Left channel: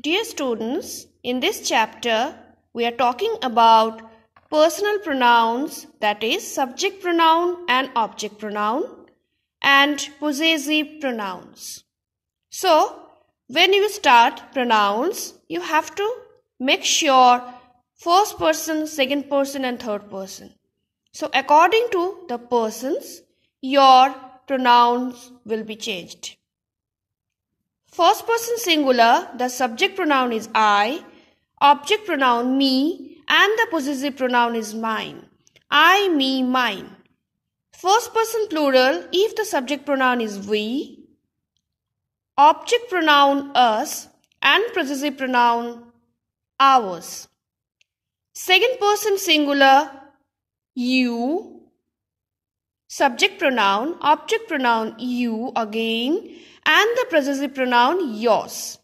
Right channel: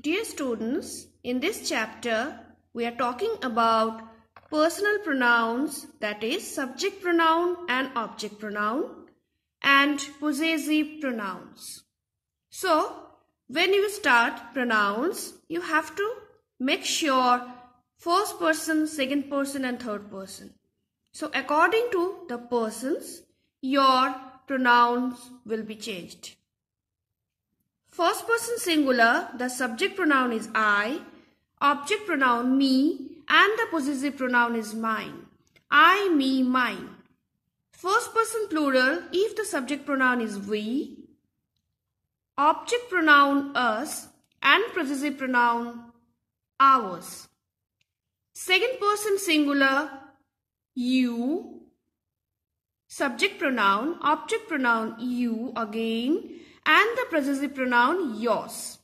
Dear students, in this chapter, we are talking about personal pronouns, that is subject pronoun and object pronoun, and possessive pronouns. So, when you start pronouns, you have to make sure first person, second person and third person. So, according to the persons, your pronouns will be changed. First person singular, the subject pronoun is I, object pronoun me, and the possessive pronoun is mine. I, me, mine. First person plural, if the subject pronoun is we, object pronoun us, and possessive pronoun ours. Second person singular, you, subject pronoun, object pronoun you again, and the possessive pronoun yours.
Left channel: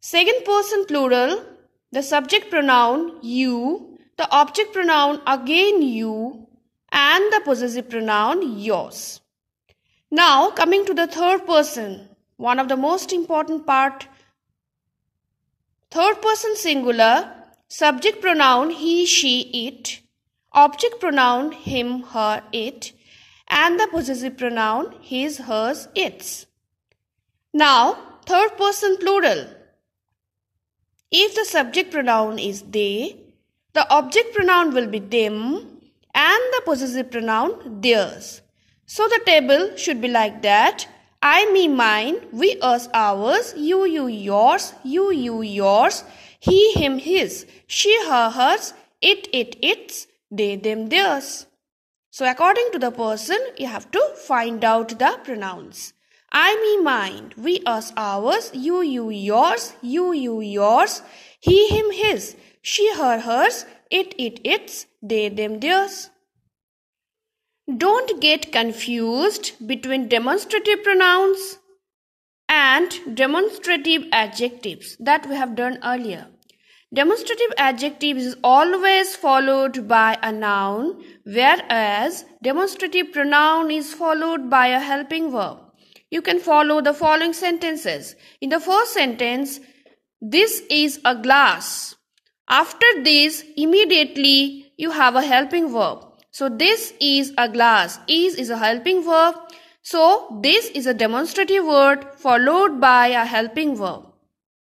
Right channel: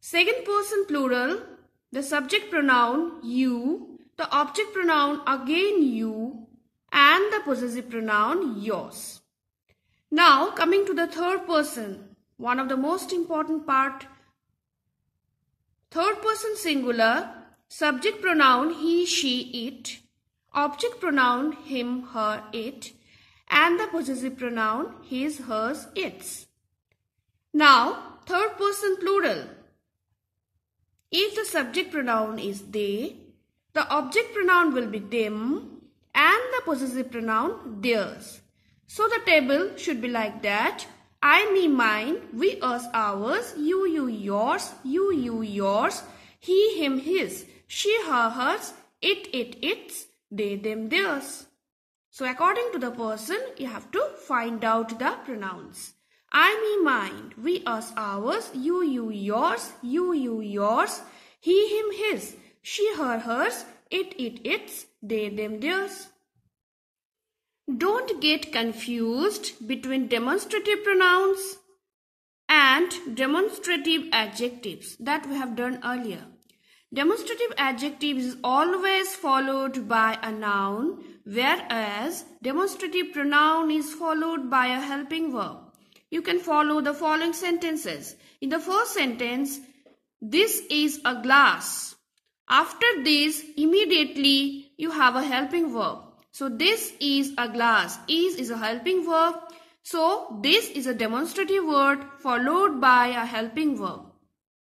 Second person plural, the subject pronoun you, the object pronoun again you, and the possessive pronoun yours. Now coming to the third person, one of the most important part. Third person singular, subject pronoun he, she, it, object pronoun him, her, it, and the possessive pronoun his, hers, its. Now, third person plural. If the subject pronoun is they, the object pronoun will be them and the possessive pronoun theirs. So the table should be like that. I, me, mine, we, us, ours, you, yours, you, yours, he, him, his, she, her, hers, it, its, they, them, theirs. So according to the person, you have to find out the pronouns. I, me, mine, we, us, ours, you, yours, you, yours, he, him, his, she, her, hers, it, its, they, them, theirs. Don't get confused between demonstrative pronouns and demonstrative adjectives that we have done earlier. Demonstrative adjective is always followed by a noun, whereas demonstrative pronoun is followed by a helping verb. You can follow the following sentences. In the first sentence, this is a glass. After this, immediately you have a helping verb. So this is a glass. Is a helping verb. So this is a demonstrative word followed by a helping verb.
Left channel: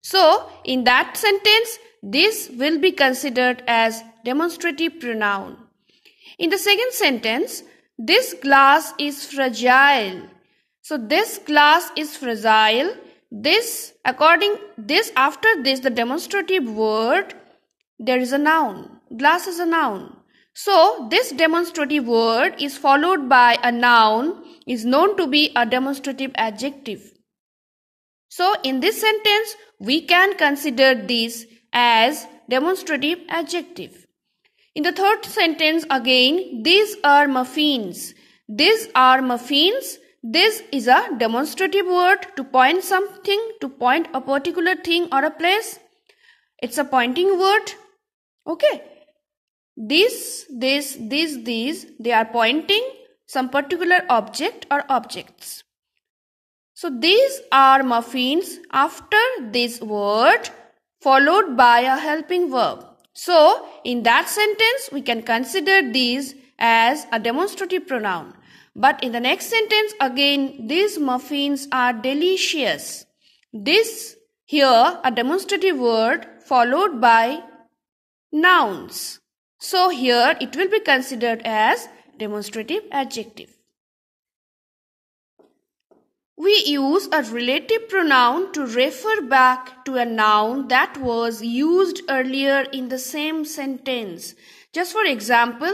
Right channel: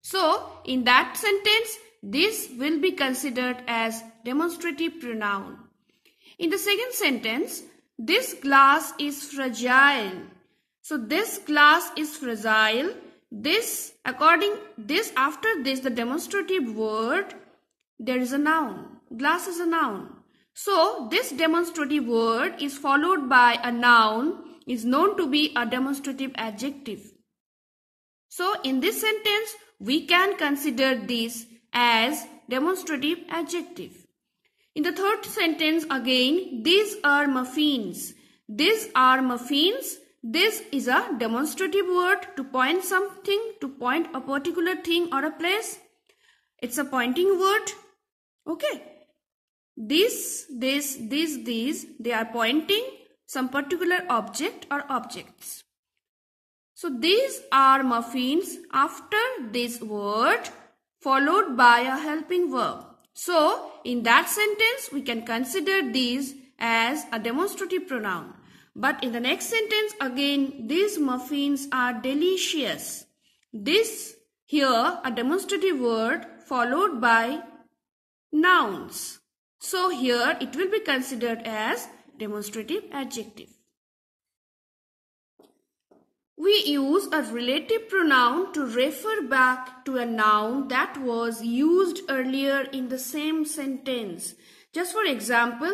So in that sentence, this will be considered as demonstrative pronoun. In the second sentence, this glass is fragile. So this glass is fragile. After this, the demonstrative word, there is a noun. Glass is a noun. So this demonstrative word is followed by a noun, is known to be a demonstrative adjective. So in this sentence, we can consider this as demonstrative adjective. In the third sentence again, these are muffins. These are muffins. This is a demonstrative word to point something, to point a particular thing or a place. It's a pointing word. Okay. These, they are pointing some particular object or objects. So these are muffins after this word followed by a helping verb. So in that sentence, we can consider these as a demonstrative pronoun. But in the next sentence again, these muffins are delicious. This here a demonstrative word followed by nouns. So here it will be considered as demonstrative adjective. We use a relative pronoun to refer back to a noun that was used earlier in the same sentence. Just for example,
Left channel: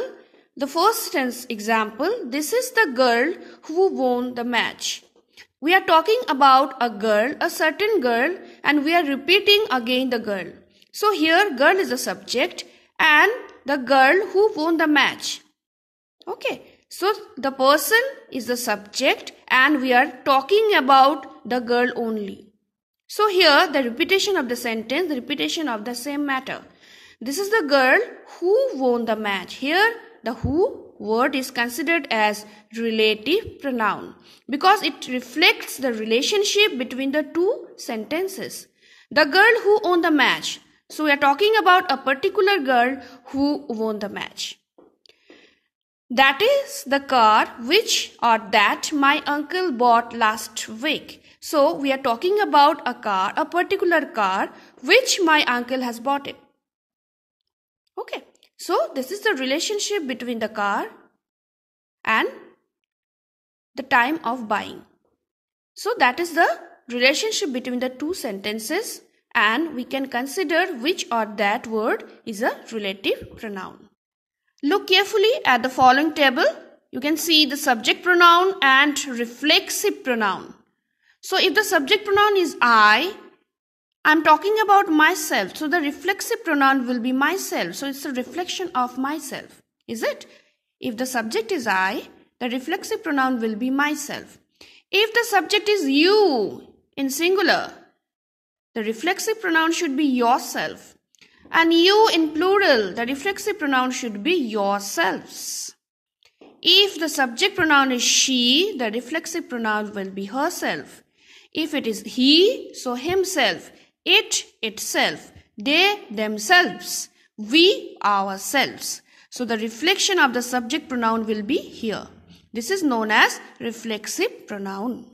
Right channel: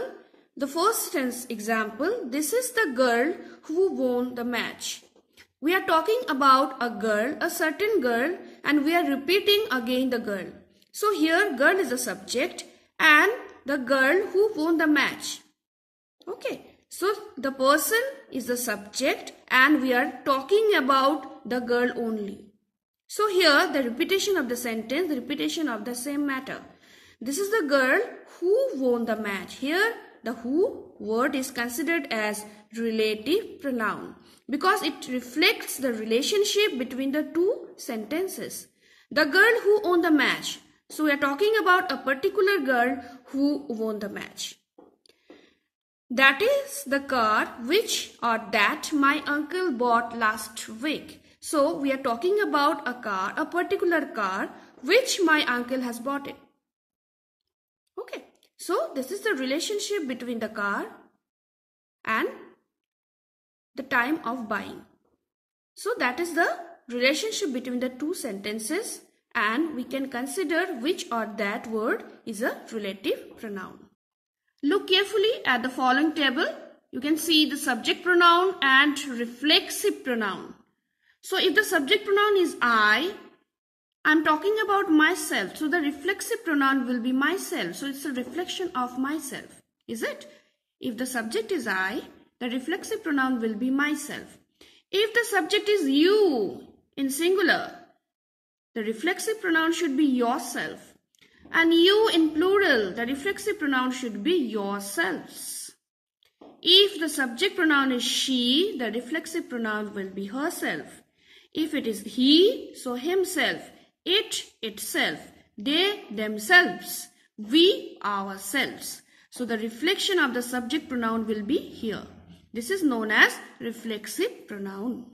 the first example, this is the girl who won the match. We are talking about a girl, a certain girl, and we are repeating again the girl. So here girl is the subject and the girl who won the match. Okay. So the person is the subject and we are talking about the girl only. So here the repetition of the sentence, the repetition of the same matter. This is the girl who won the match. Here the who word is considered as relative pronoun because it reflects the relationship between the two sentences. The girl who won the match. So we are talking about a particular girl who won the match. That is the car which or that my uncle bought last week. So we are talking about a car, a particular car which my uncle has bought it. Okay. So this is the relationship between the car and the time of buying. So that is the relationship between the two sentences, and we can consider which or that word is a relative pronoun. Look carefully at the following table. You can see the subject pronoun and reflexive pronoun. So if the subject pronoun is I am talking about myself. So the reflexive pronoun will be myself. So it's a reflection of myself. Is it? If the subject is I, the reflexive pronoun will be myself. If the subject is you in singular, the reflexive pronoun should be yourself. And you in plural, the reflexive pronoun should be yourselves. If the subject pronoun is she, the reflexive pronoun will be herself. If it is he, so himself, it, itself, they, themselves, we, ourselves. So the reflection of the subject pronoun will be here. This is known as reflexive pronoun.